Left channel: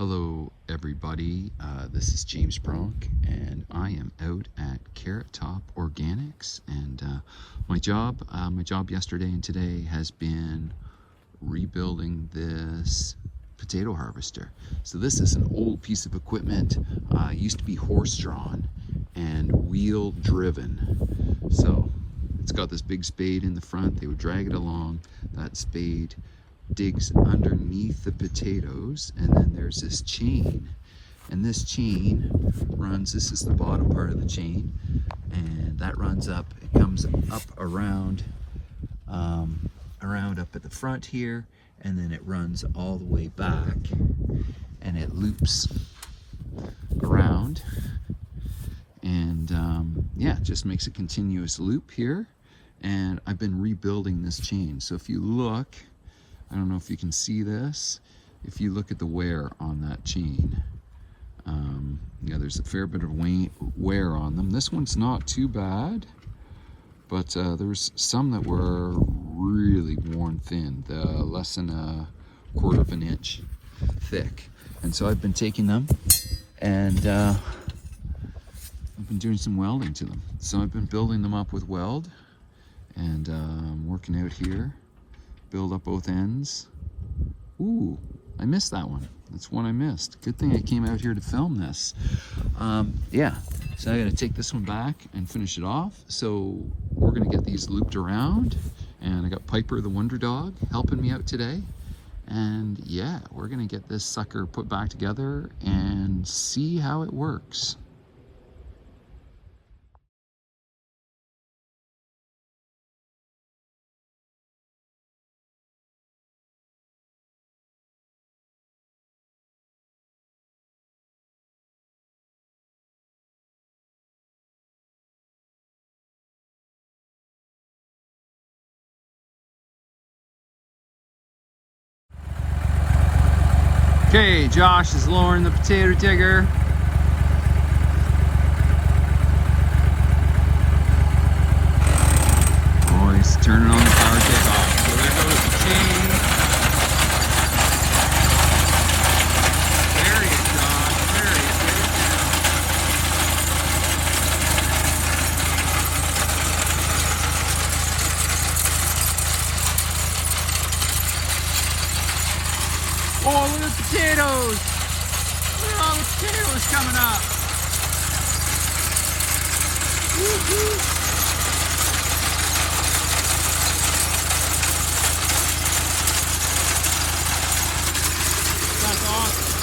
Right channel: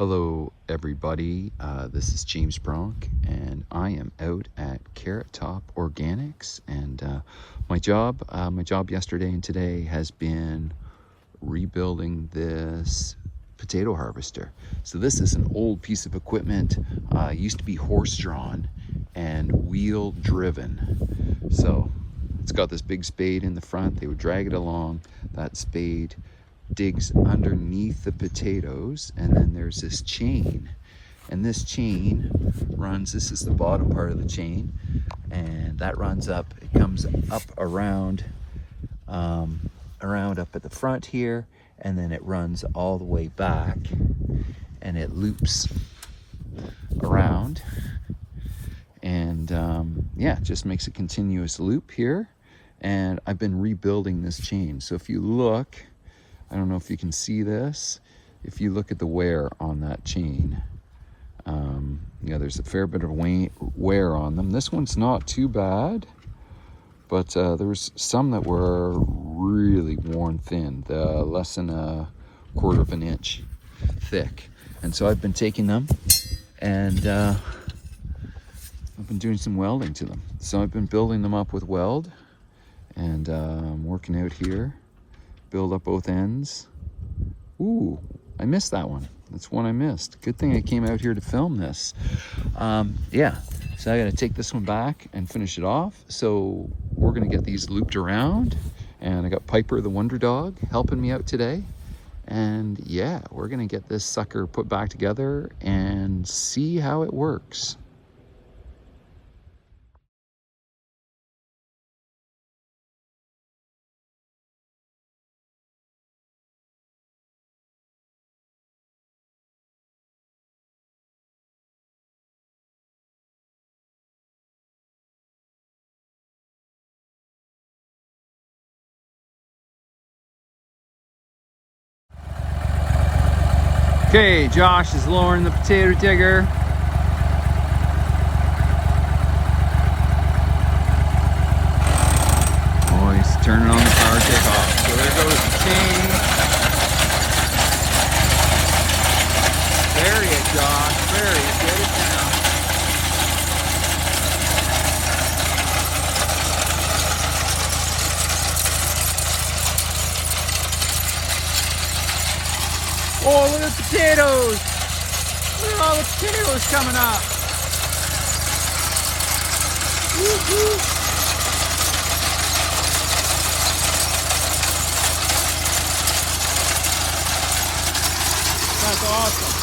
Hello everybody, this is James Bronk and I am out at Carrot Top Organics, and my job yesterday and today has been rebuilding this potato harvester. So this is an old piece of equipment, used to be horse-drawn and wheel-driven. So it's got this big spade in the front. They would drag it along. That spade digs underneath the potatoes, and then there's this chain, and this chain runs, this is the bottom part of the chain, and that runs up, it comes up around up at the front here, and then it runs all the way back and it loops around, and yeah, it just makes a continuous loop here. And I've been rebuilding this chain. So if you look, I don't know if you can see this, if you look at the wear on that chain, you know, there's a fair bit of wear on them. This one's not too bad, but there was some that were really worn thin, less than a quarter of an inch thick. And so I've been taking them and I've been doing some welding to them. So I've been building them up with weld, and I'm working out here. Build up both ends. Ooh, I missed that one. That's one I missed. Good thing I came out here to film this. Yeah, so I gotta take this one back and finish it off. So we're gonna get these looped around, and I got Piper the Wonder Dog helping me out today. And yeah, we're gonna get this sucker put back together and see how it works. Okay, Josh is lowering the potato digger. Oh, he's turning on the power takeoff. So there goes the chain. Bury it, Josh. Bury it. Get it down. Oh, look at the potatoes! Look at all the potatoes coming up! Woo-hoo. That's awesome!